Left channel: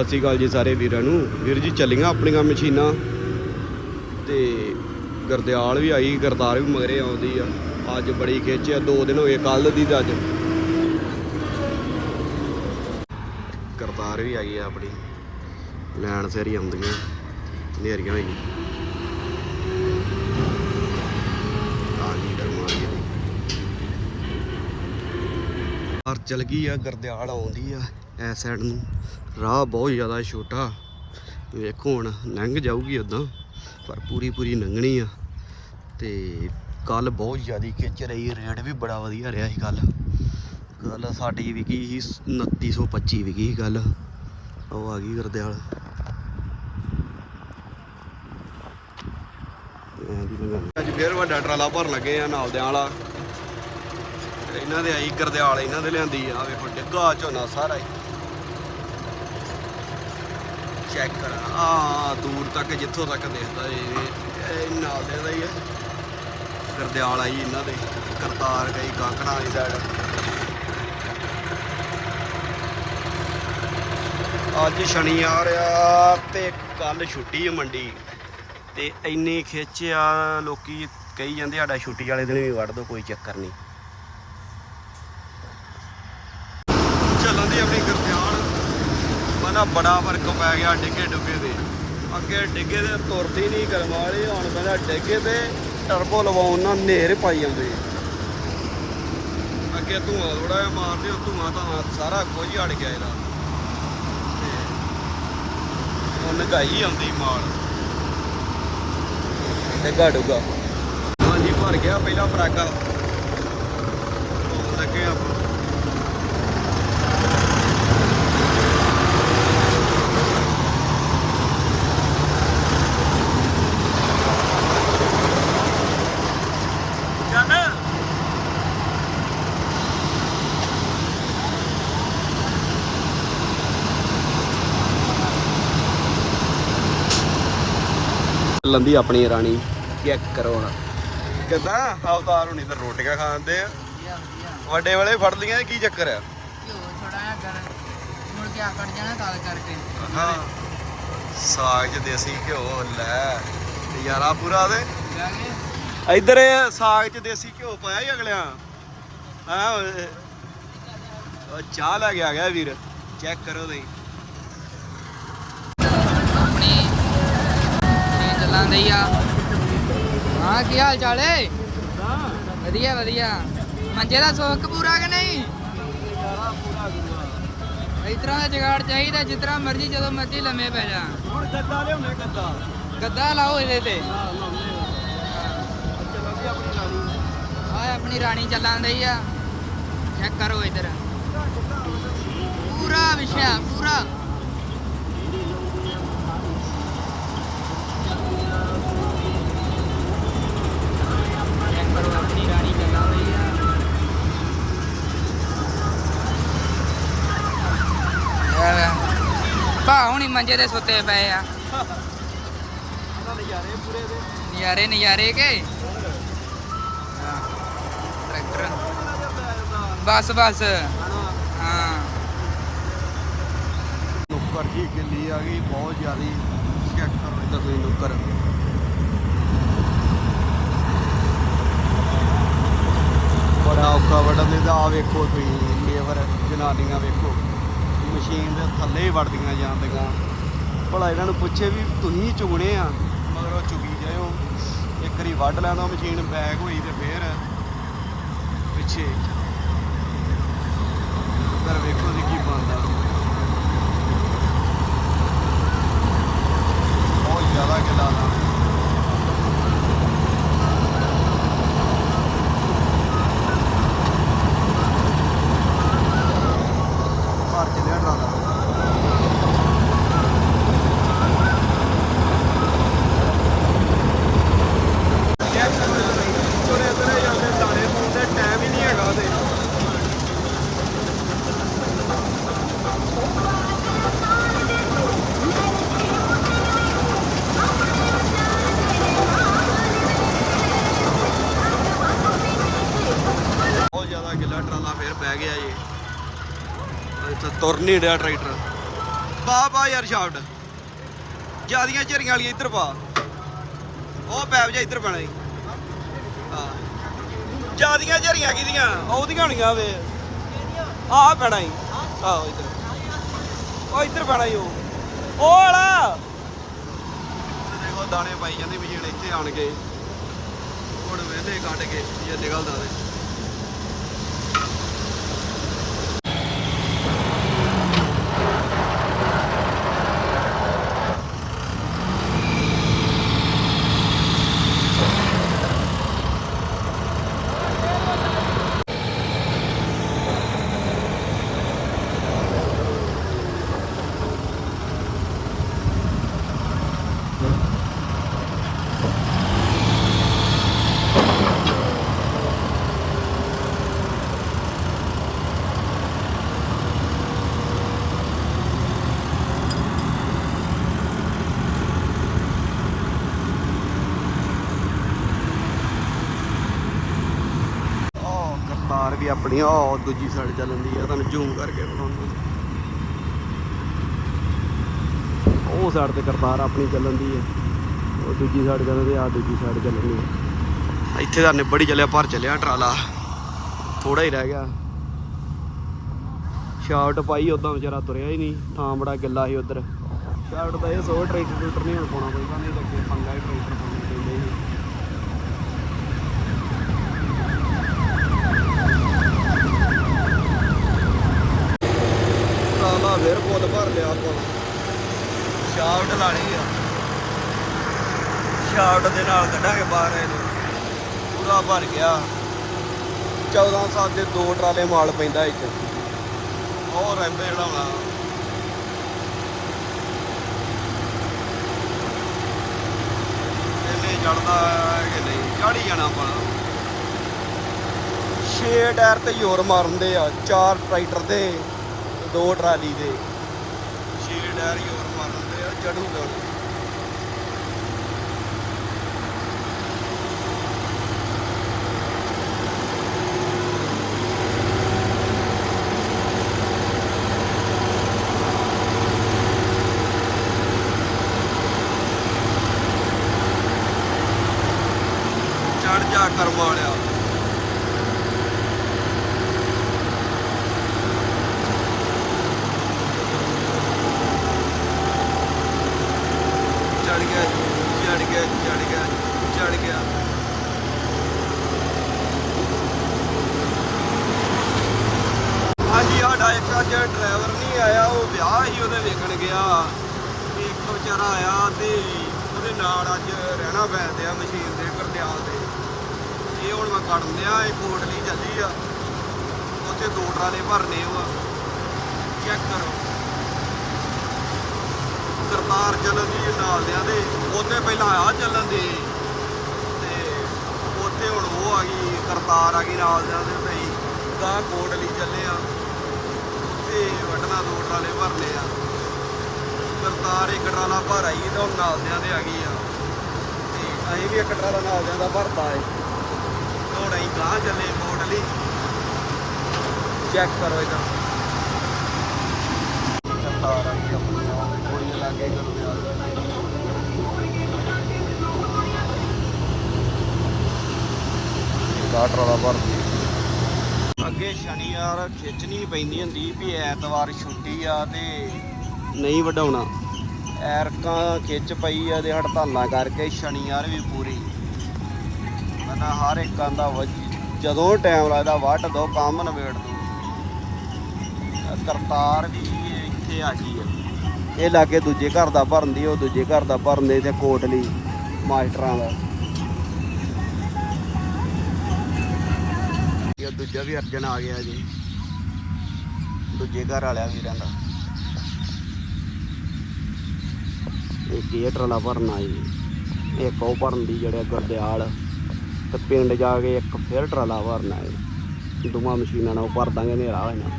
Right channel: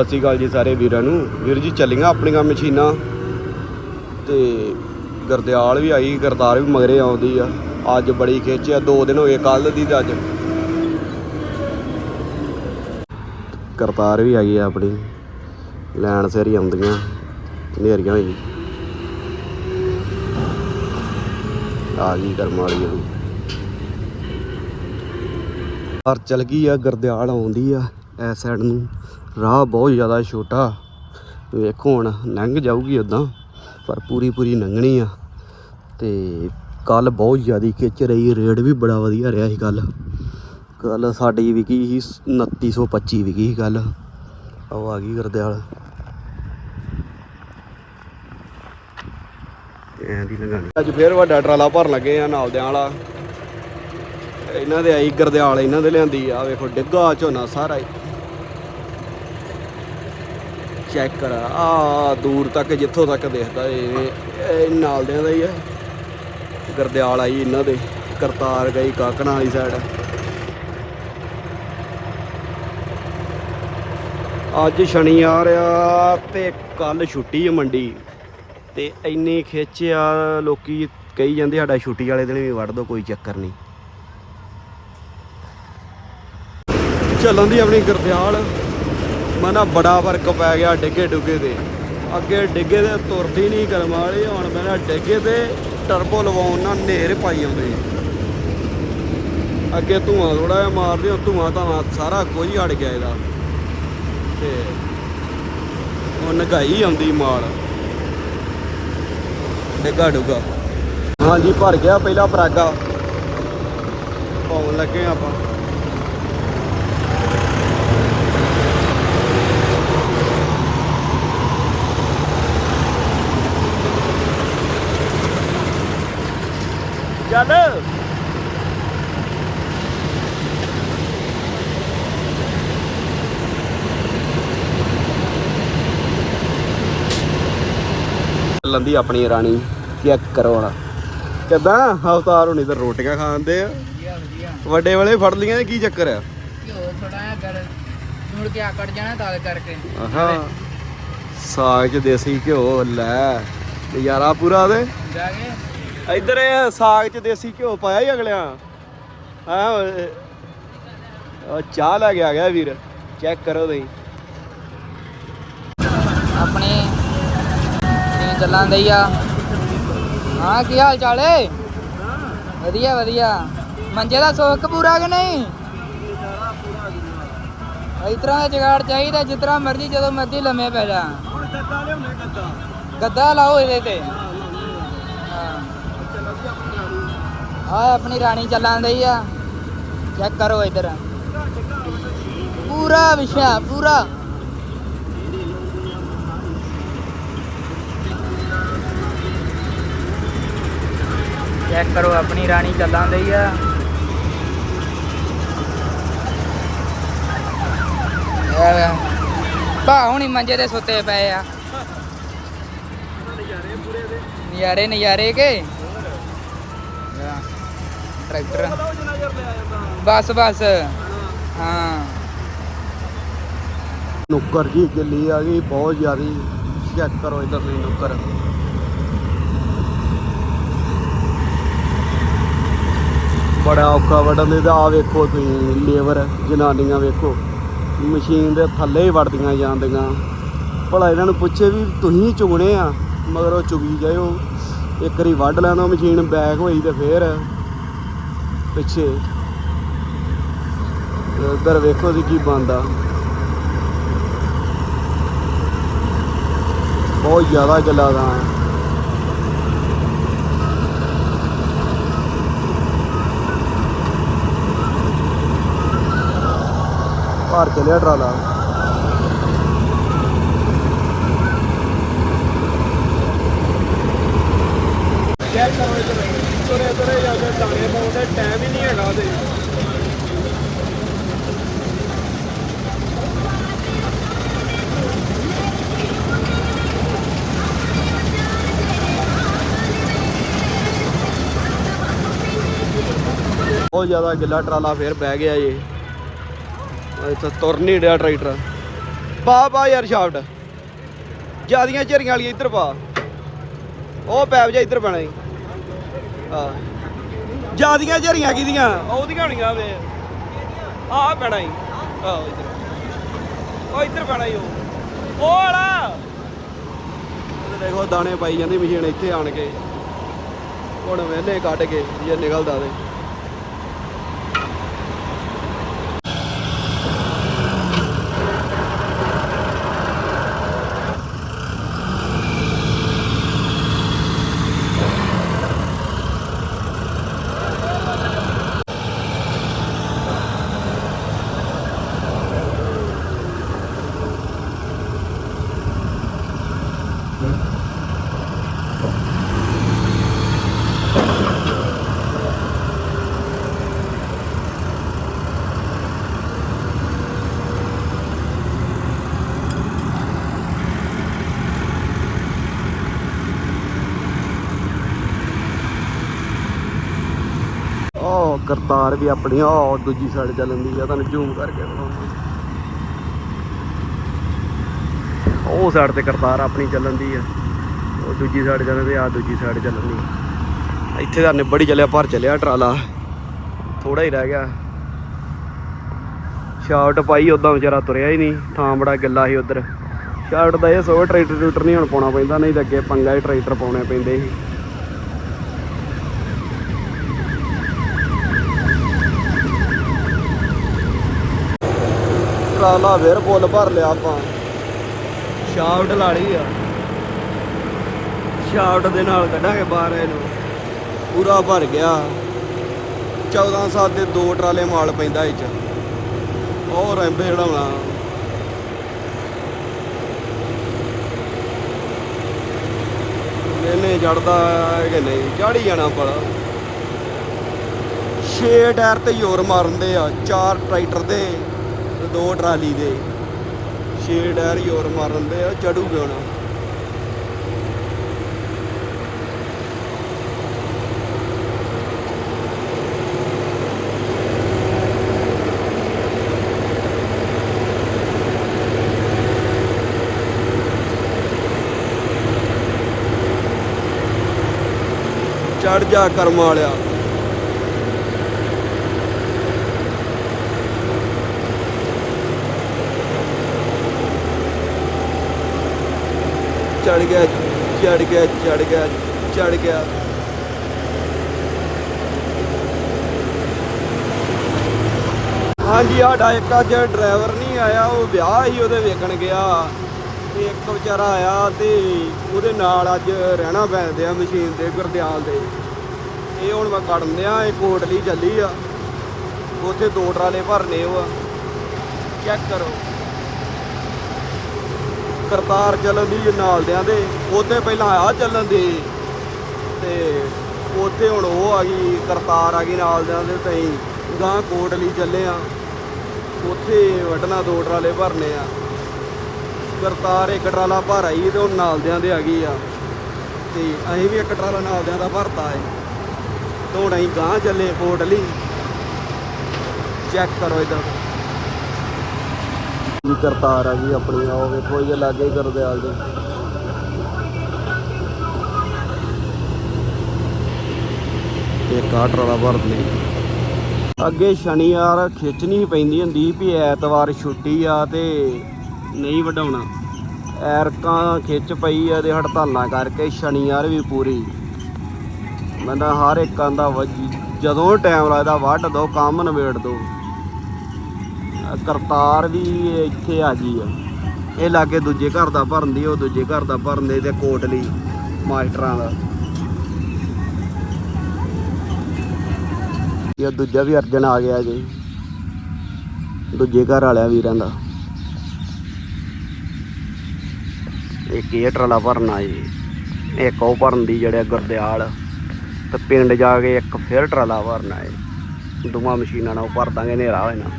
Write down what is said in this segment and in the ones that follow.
ਸਤਿ ਸ਼੍ਰੀ ਅਕਾਲ ਜੀ ਸਾਰੇ ਵੀਰਾਂ ਨੂੰ। ਵੀਰ ਜੀ ਚੱਲੀਆਂ ਆਪਣੀਆਂ ਮਸ਼ੀਨਾਂ। ਤੇ ਗਰਦਿਆਲ ਵੀ ਆਈ, ਗਰਦਾਰ ਵੀ ਮਗਰੇ ਆਉਂਦੀ ਆ। ਅੱਜ ਬੜੀ ਖਿੱਚ ਆ, ਦੋ ਦਿਨ ਹੋਏ ਕੱਲ ਦੀ ਅੱਜ। ਕਰਤਾਰ ਵੀ ਆਈ ਆ ਆਪਣੀ। ਲੈਣ ਸਿਰ ਹੀ ਆਉਂਦੀਆਂ ਨੇਰੀਆਂ ਹੋਈ ਆ ਗਈ ਕਰਮ ਵਾਲੀ ਆ। ਪਰ ਚਲ ਗਈ ਆ, ਗਰਦਿਆਲ ਆਉਂਦੀ ਆ ਐ ਸਾਈਡ ਨੂੰ। ਰਾਹ ਬਹੁਤ ਜ਼ਿਆਦਾ ਛੋਟਾ। ਵੇਖੋ ਹੁਣ, ਲੰਘ ਜਾਊਗੀ ਉਦਾਂ ਪਰ ਪੂਰੀ ਪੂਰੀ ਲੰਘਣੀ ਆ। ਤੇ ਕੱਲ ਬਹੁਤ ਜ਼ਿਆਦਾ ਖਿੱਚ ਰਹੀ, ਰੇਟ ਵੀ ਬੜਾ ਵਧੀਆ ਰਿਹਾ ਸੀ ਕੱਲ ਕੱਲ ਸਾਡੀ ਵਿਕੀ ਸੀ 2925 ਵਿਕੀ ਸੀ ਕੱਲ ਉਹ ਆ ਗਈ ਗਰਦਿਆਲ। ਐਂ ਦੀ ਲੰਘਾਣੀ। ਅੱਜ ਫੇਰ ਵੱਡਾ ਟਰਾਲਾ ਭਰਨ ਲੱਗੇ ਆ ਨਾਲ ਦਿਆਂ ਵਾਲਾ। ਇਹਨਾਂ ਦੇ ਆਈ ਗਰਦਿਆਲ, ਇਹਨਾਂ ਦੇ ਲਿਆਂਦੀ ਆ, ਵੇਖੋ ਡਿੱਗਾ ਝੋਨਾ ਸਾਰਾ ਹੀ। ਚੈੱਕ ਕਰ। ਆ ਦੂਰ ਤੱਕ, ਜਿੱਥੋਂ ਤੱਕ ਦਿਖਦਾ ਇਹ ਇਹ ਨਾਲ ਦਾ ਹੀ ਆ। ਗਰਦਿਆਲ ਆਈ ਇਹਨਾਂ ਦੇ, ਕਰਤਾਰ ਗਈ ਕਾਕਣਾ ਵਾਲੀ ਸਾਈਡ ਅੱਜ ਸ਼ਨੀਵਾਰ ਆ ਤੇ ਕੱਲ ਛੁੱਟੀ ਹੈ ਮੰਡੀ। ਤੇ ਇੰਨੀ ਖਿੱਚ ਆ, ਲੋਕੀ ਕਹੀ ਜਾਂਦੇ ਸਾਡਾ ਛੁੱਟੀ ਵਾਲੇ ਦਿਨ ਵੀ ਵੜ ਦੋ, ਕੋਈ ਚੱਕਰ ਨਹੀਂ। ਚੱਲਣ ਦੀ ਆਪਣੀ ਗਰਦਿਆਲ। ਮਨਾ ਬੜਾ ਫ਼ਰਕ ਪੈ ਗਿਆ ਡਿੱਗੇ ਡੁੱਗੇ ਦੇ ਅੱਗੇ ਡਿੱਗੇ ਦੇ ਤੁਰਦੀ ਨਹੀਂ ਕਰਮ ਵਾਲੇ, ਹੁਣ ਮੇਰਾ ਡਿੱਗੇ ਤੇ ਟਰਬੋ ਲਵਾਉਣ ਨਾਲ ਢੇਰ ਪਾਈ ਜਾਂਦੇ ਅੱਗੇ ਧੂਆਂ ਥੋੜਾ ਜਿਹਾ ਮਾਰਦੇ ਉਹ ਧੂਆਂ ਤਾਂ ਸਾਰਾ ਕੁਝ ਅੜ ਗਿਆ ਇਹਦਾ। ਤੇ ਉਹ ਨਗਾਈ ਆਉਂਦੀ ਮਾਲ। ਡਿੱਗਾ ਡੁੱਗਾ ਹਾਂਜੀ, ਭਰ ਗਿਆ ਪਹਿਲਾ ਪਰਾਗਾ। ਪਾਉਣ ਲੱਗੇ ਆਪਾਂ। ਚੱਲ। ਲੰਦੀ ਆਪਣੀ ਰਾਣੀ ਚੈੱਕ ਕਰੋ ਹੁਣ ਕਿਦਾਂ? ਅਵਤਾਰ ਹੁਣੀ ਤਾਂ ਰੋਟੀਆਂ ਖਾਂਦੇ ਆ। ਵੱਡੇ ਵਾਲੇ ਫੜ ਲੀਆਂ ਕੀ ਚੱਕਰ ਆ? ਘਿਓ ਥੋੜਾ ਜਿਹਾ ਗਰ ਮੁੜ ਕੇ ਆਕੜ ਜਾਣਾ ਤਾਲ ਕਰਕੇ। ਹਾਂ ਸਾਗ ਚ ਦੇਸੀ ਘਿਓ ਲੈ। ਨਜ਼ਾਰਾ ਪੂਰਾ ਦੇ ਜਾਵੇ ਇੱਧਰ ਇਹ ਸਾਗ ਚ ਦੇਸੀ ਘਿਓ ਪਾਇਆ ਹੀ ਅਗਲਿਆਂ। ਹਾਂ ਉਹ ਚਾਹ ਲੈ ਕੇ ਆ ਗਿਆ ਵੀਰ। ਚੈੱਕ ਕਰੋ ਤੁਸੀਂ। ਆਪਣੀ ਟ੍ਰੇਨ ਚੱਲਾਂ ਦਈ ਆ। ਹਾਂ ਕੀ ਹਾਲ ਚਾਲ ਏ? ਵਧੀਆ ਵਧੀਆ। ਮੰਜੇ ਦਾ ਸੁੱਖ ਪੂਰਾ ਕਿ ਨਹੀਂ? ਇਸ ਤਰ੍ਹਾਂ ਦਾ ਜਗਾੜ ਚਾਹੀਦਾ ਜਿਸ ਤਰ੍ਹਾਂ ਮਰਜ਼ੀ ਜਦੋਂ ਮਰਜ਼ੀ ਲੰਮੇ ਪੈ ਜਾ। ਹੁਣ ਗੱਦਾ ਲਿਆਉਣੇ ਗੱਦਾ। ਗੱਦਾ ਲਾਓ ਇਹਦੇ ਤੇ। ਆ ਆਪਣੀ ਰਾਣੀ ਚੱਲਾਂ ਦਈ ਆ। ਚੈੱਕ ਕਰੋ ਇੱਧਰ। ਪੂਰਾ ਵਿਸ਼ਾ ਪੂਰਾ। ਚੈੱਕ ਕਰੋ ਆਪਣੀ ਰਾਣੀ ਚੱਲਾਂ ਦਈ ਆ। ਯਾਰ ਭਾ ਹੁਣੀ ਮੰਜੇ ਤੇ ਸੁੱਤੇ ਪਏ ਆ। ਨਜ਼ਾਰੇ ਪੂਰੇ ਦੇ। ਨਜ਼ਾਰੇ ਨਜ਼ਾਰੇ ਕੇ? ਹਾਂ, ਟਰੈਕਟਰ। ਬਸ ਬਸ। ਹਾਂ। ਨੁੱਕਰ ਜੀ ਗਿੱਲੀ ਆ ਗਈ, ਬਹੁਤ ਜ਼ਿਆਦੀ ਚੈੱਕ ਕਰੋ ਇਧਰ ਤੁਸੀਂ ਨੁੱਕਰ। ਬੜਾ ਔਖਾ ਵੜਨ ਦੇ, ਤਾਂ ਆ ਵੇਖੋ ਤੁਸੀਂ, ਲੇਬਰ, ਜਨਾਨੀਆਂ ਵੇਖੋ। ਮਸ਼ੀਨ ਦੇ ਥੱਲੇ ਹੀ ਵੜਦੀਆਂ ਜਾਂਦੀਆਂ। ਭਲਾ ਇਹਨਾਂ ਨੂੰ ਪੁੱਛੇ ਵੀ ਤੁਸੀਂ ਚੁਗਣੇ ਆ, ਮਗਰ ਉਹ ਚੁਗੀ ਜਾਇਓ। ਇੱਕ ਵਾਰੀ ਵੱਢ ਲੈਂਦਾ ਮਸ਼ੀਨ ਬੈਕ ਹੋਈ ਤੇ ਫੇਰ। ਪਿੱਛੇ। ਇੱਧਰ ਵੇਖੋ ਜੀ ਕੀ ਬਣਦਾ। ਬਹੁਤ ਜ਼ਿਆਦਾ ਗੱਲਾਂ ਦਾ। ਭਾਰ ਚਲਿਆ ਟਰਾਲਾ ਚੈੱਕ ਕਰੋ ਇਧਰ ਤੁਰੇ ਤੁਰੇ ਜਾਂਦੇ ਦਾਣੇ ਪਾਉਂਦੇ ਟਾਈਮ ਹੀ ਬਹੁਤ ਜ਼ਿਆਦਾ ਗਿੱਲਾ ਟਰਾਲਾ ਫੇਰ ਬਹਿ ਗਿਆ ਜੀ। ਇੱਥੇ ਤੁਰ ਨਹੀਂ ਰਿਹਾ ਟਰੈਕਟਰ। ਪਾ ਪਾ ਯਾਰ ਸ਼ਾਫਟ ਜਿਆਦੀਆਂ ਝਰੀਆਂ ਵਾਲੀਆਂ ਇੱਧਰ ਪਾ। ਉਹ ਪੈਪ ਜਾ ਇੱਧਰ ਪੈਣਾ ਜੀ। ਹਾਂ ਜਿਆਦੀਆਂ ਝਰੀਆਂ ਕਿਹਦੀਆਂ ਉਹਦੀਆਂ ਹੋਣੀਆਂ ਵੇ। ਆਹ ਪੈਣਾ ਈ ਆਹ ਇੱਧਰ। ਉਹ ਇੱਧਰ ਪੈਣਾ ਈ ਉਹ। ਉਹ ਵਾਲਾ। ਦੇਖੋ ਦਾਣੇ ਪਾਈ ਜਾਂਦੀ ਮਸ਼ੀਨ ਇੱਥੇ ਆਣ ਕੇ। ਹੁਣ ਵੇਲੇ ਕੱਢ ਕੇ ਜੇ ਨਿਕਲਦਾ ਤੇ ਉਹ ਕਰਤਾਰ ਵੀ ਆਪਣੀ ਉਹ ਦੂਜੀ ਸਾਈਡ ਚੱਲਦੀ ਆ, ਤੁਹਾਨੂੰ ਜ਼ੂਮ ਕਰਕੇ ਦਿਖਾਉਂਦਾ। ਉਹ ਸਾਈਡ ਤੇ ਕਰਤਾਰ ਆਪਣੀ ਚੱਲਣ ਦੀ ਆ। ਉਹ ਦੂਜੀ ਸਾਈਡ ਚੱਲਦੀ ਆ ਦੂਜੀ ਸਾਈਡ ਚੱਲਣ ਦੀ। ਆ। ਇੱਥੇ ਤਾਂ ਨਿਬੜੀ ਚੱਲਿਆ, ਭਰ ਚੱਲਿਆ ਟਰਾਲਾ। ਥੋੜਾ ਹੀ ਰਹਿ ਗਿਆ। ਸ਼ਾਰਟ ਪਾਈ ਉਦਾਂ ਵਿਚਾਰਾ ਤੁਰਿਆ ਹੀ ਨਹੀਂ। ਥਾਂ ਬੜਾ ਗਿੱਲਾ ਸੀ ਉਧਰ। ਸ਼ਾਰਟ ਦਾ ਇਹ ਸੋ ਟਰੈਕਟਰ ਟਰੂਟਰ ਨਹੀਂ ਹੁਣ ਪਾਉਣਾ ਪੈਂਦਾ, ਨਹੀਂ ਤਾਂ ਅੱਗੇ ਪੰਗਾ ਹੀ ਟਰੈਕਟਰ ਪਾਉਣੇ ਪੈਂਦੇ ਸੀ। ਟਰਾਲਾ ਫਿਰ ਫੁੱਲ ਭਰ ਲਿਆ ਆਪਾਂ। ਸ਼ਾਫਟ ਲਾ ਆ। ਸ਼ਾਫਟ ਦੇ ਨਾਲ ਕੱਢਾਂਗੇ ਬਾਹਰ ਇਹਨੂੰ। ਪੂਰਾ ਭਰ ਗਿਆ। ਚੱਲਾਂ ਸਾਤੇ ਦੋ ਟਰਾਲੇ ਮਾਲ ਪੈਂਦਾ ਇੱਥੇ। ਉਹ ਰੈਂਪੇ ਚੜਾਉਣਾ। ਇਹਨੇ ਚੜਦਾ ਕਿ ਨਹੀਂ? ਚੜੀ ਜਾਣਾ ਪਰ ਛੇ ਟਾਇਰ ਤੇ ਜ਼ੋਰ ਮਾਰਦੇ ਆ, ਚਾਰ ਟਰੈਕਟਰ ਦੇ। ਤੇ ਦੋ ਟਰਾਲੀ ਦੇ ਛੇ ਟਾਇਰ ਜ਼ੋਰ ਮਾਰਦੇ ਆ ਚੜੂਗੇ ਹੁਣ ਚੜ ਜਾ ਕਰਮ ਵਾਲਿਆ। ਚੜ ਗਿਆ ਚੜ ਗਿਆ ਚੜ ਗਿਆ ਚੜ ਗਿਆ। ਹਾਂਜੀ, ਸਾਡਾ ਇੱਕ ਅੱਜ ਡਰਾਈਵਰ ਨਹੀਂ ਆਇਆ, ਉਹ ਵਿਆਹ ਹੀ ਉਹਦੇ ਵੇਖਣ ਗਿਆ। ਤੇ ਇੱਕ ਵਿਚਾਰਾ ਆਇਆ ਤੇ ਉਹਦੇ ਨਾਲ ਅੱਜ ਰਹਿਣਾ ਪੈਂਦੇ ਆ ਮਸ਼ੀਨ ਦੇ ਗੁਰਦਿਆਲ ਦੇ। ਇਹ ਹੁਣ ਮੈਂ ਕੱਢਣ ਦਿਆਂ, ਇਹ ਕੋਟਲੀ ਚੱਲੀ ਆ। ਉੱਥੇ ਦੋ ਟਰਾਲੇ ਭਰਨੇ ਉਹ ਚੈੱਕ ਕਰੋ। ਕਰਤਾਰ ਚੱਲਣ ਦੀ ਨਾਲ ਦਿਆਂ ਦੇ, ਉੱਥੇ ਪਹਿਲਾਂ ਆ ਚੱਲਣ ਦੀ। ਤੇ ਉੱਥੇ ਹੁਣ ਉਹ ਆ ਗਈ, ਕਰਤਾਰ ਆ ਗਈ ਨਾਲਦਿਆਂ ਦੇ, ਤੇ ਅਸੀਂ ਗਾਂ ਕੋਟਲੀ ਚੱਲੇ ਆ। ਉੱਥੇ ਵੱਢਣਾ ਦੋ ਟਰਾਲੇ ਭਰਨੇ ਆ। ਕਰਤਾਰ ਇੱਕ ਟਰਾਲਾ ਭਰ ਆਈ ਤੇ ਉਹ ਨਾਲਦਿਆਂ ਦੇ ਆ ਗਈ ਆ। ਤੇ ਅਸੀਂ ਵੀ ਇੱਕ ਟਰਾਲਾ ਨਾਲਦਿਆਂ ਦਾ ਭਰਤਾ ਹੈ। ਹੁਣ ਅਸੀਂ ਗਾਂ ਚੱਲੇ ਕੋਟਲੀ ਚੈੱਕ ਕਰੋ ਇਧਰ। ਕੀ ਕਰਤਾਰ ਆ ਗਈ ਆਪਣੀ ਉਹ ਵੇਖੋ ਇਹ ਲਾਗੇ ਕਰਦੇ ਆ ਗਏ ਇਹ ਕਾਟ ਵਾਲਾ ਭਰਦੇ ਅੱਗੇ ਸ਼ਨੀਵਾਰ ਖਿੱਚਣੀ ਪੈਂਦੀ ਹੁੰਦੀ ਵੀ ਐਤਵਾਰ ਛੁੱਟੀ ਆ ਤੇ ਨਹੀਂ ਵਡਾਉਣਾ ਐਰਕਾਂ ਖਿੱਚ ਪਈ ਆ ਤੇ ਹੜਤਾਲਾਂ ਕਰਕੇ ਸ਼ਨੀਵਾਰ ਵੀ ਪੂਰੀ। ਮੈਂ ਤਾਂ ਹਰ ਇੱਕ ਦਾ ਜਦੋਂ ਟਾਈਮ ਲੱਗਦਾ ਵੱਢ ਦੋ, ਕੰਮ ਨਿਬੇੜ ਦੋ। ਕਰਤਾਰ ਵੀ ਇੱਥੇ ਆ ਗਈ ਆ। ਇਹ ਲਾਗੇ ਦੂਜੇ ਘਰ ਦਾ ਭਰਨ ਦੀ, ਉਹ ਦੂਜੇ ਘਰ ਦਾ ਭਰਨ ਦੇ ਤੇ ਕੋਟਲੀ ਮਾਸਟਰਾਂ ਦਾ। ਇਹ ਦੂਜਾ ਵੀ ਅਰਜਨ ਆ ਗਿਆ ਜੀ। ਦੂਜੇ ਘਰ ਵਾਲਿਆ ਵੀਰਾਂ ਦਾ। ਇੱਕ ਇਹ ਟਰਾਲਾ ਭਰਨਾ ਜੀ। ਇੱਕ ਉਹ ਭਰਨ ਦੀ ਜਿਹੜੇ ਗੁਰਦਿਆਲ ਤੇ ਪਿੰਡ ਜਾ ਕੇ ਇੱਕ ਫਿਰ ਟਰਾਲਾ ਭਰਨਾ ਹੈ ਦੋਵਾਂ ਮਸ਼ੀਨਾਂ ਨਾਲ ਉਹ ਭਰ ਦਾਂਗੇ, ਹਨੇਰਾ ਹੋਏ ਨਾ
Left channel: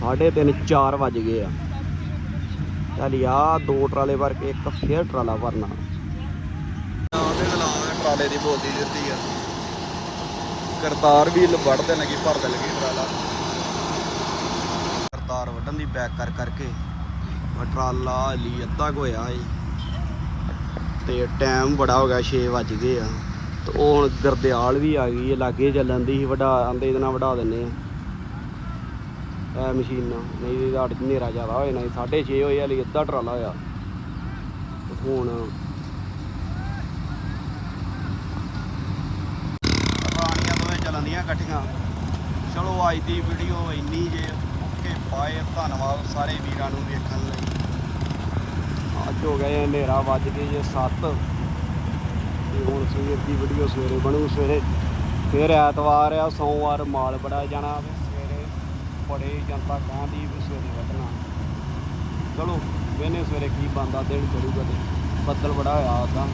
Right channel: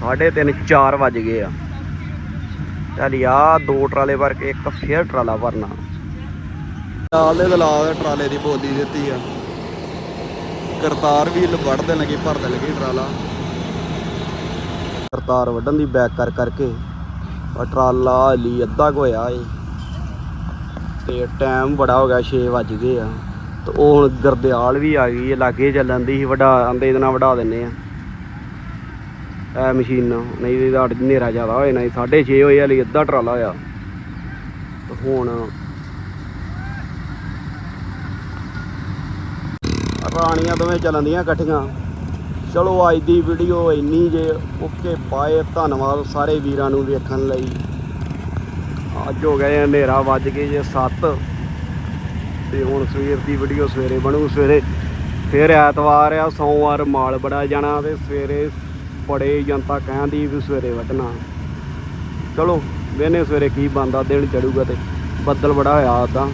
ਸਾਢੇ ਤਿੰਨ 4 ਵੱਜ ਗਏ ਆ। ਚੱਲ ਆ ਦੋ ਟਰਾਲੇ ਭਰ ਕੇ ਇੱਕ ਫੇਰ ਟਰਾਲਾ ਭਰਨਾ। ਟਰਾਲੇ ਦੇ ਲਾ ਟਰਾਲੇ ਦੀ ਬੋਲੀ ਦਿੱਤੀ ਆ। ਕਰਤਾਰ ਵੀ ਵੜਦੇ ਲੱਗੇ ਭਰਦੇ ਲੱਗੇ ਟਰਾਲਾ। ਕਰਤਾਰ ਵੱਢਣ ਦੀ ਬੈਕ ਕਰ ਕਰਕੇ ਟਰਾਲਾ ਹਾਲੀ ਅੱਧਾ ਕੁ ਹੋਇਆ ਏ। ਤੇ ਟਾਈਮ ਬੜਾ ਹੋ ਗਿਆ 6 ਵੱਜ ਗਏ ਆ। ਤੇ ਉਹ ਹੁਣ ਗਰਦਿਆਲ ਵੀ ਆ ਗਈ ਏ, ਲਾਗੇ ਚੱਲਣ ਦੀ ਸੀ ਵਡਾ ਆਂਦੇ ਇਹਦੇ ਨਾਲ ਵਡਾ ਦਿੰਨੇ ਆ। ਇਹ ਮਸ਼ੀਨ ਨਾਲ, ਨਹੀਂ ਤੇ ਤਾਂ ਹਨੇਰਾ ਜ਼ਿਆਦਾ ਹੋਏ ਨਹੀਂ 6:30 ਹੋਏ ਹਲੀ ਅੱਧਾ ਟਰਾਲਾ ਹੋਇਆ। ਹੁਣ ਰਾਣੀਆਂ ਦੋਵੇਂ ਚੱਲਣ ਦੀਆਂ ਇਕੱਠੀਆਂ। ਚਲੋ ਅੱਜ ਦੀ ਵੀਡੀਓ ਇੰਨੀ ਜੇ ਓਕੇ ਪਾਏ ਧੰਨਵਾਦ ਸਾਰੇ ਵੀਰਾਂ ਨੂੰ ਵੇਖਣ ਲਈ। ਅੱਜ ਹੋ ਗਏ ਹਨੇਰਾ ਵੱਜ ਕੇ ਜੇ 7 ਤੇ ਹੁਣ ਸਵੇਰ ਦੀ ਵੀਡੀਓ ਸਵੇਰੇ ਬਣੂ ਸਵੇਰੇ ਫਿਰ ਐਤਵਾਰ ਆ ਸੋਮਵਾਰ ਮਾਲ ਬੜਾ ਜਾਣਾ ਤੇ ਸਵੇਰੇ ਬੜੇ ਜਨਤਾ ਕਹਿੰਦੀ ਵੀ ਸਵੇਰੇ ਵੱਢਣਾ। ਚਲੋ ਵੇਨੇ ਸਵੇਰੇ ਕੀ ਬੰਦਾ ਦਿਨ ਚੜੂਗਾ ਤੇ ਬੱਦਲ ਬੜਾ ਹੋਇਆ ਉਦਾਂ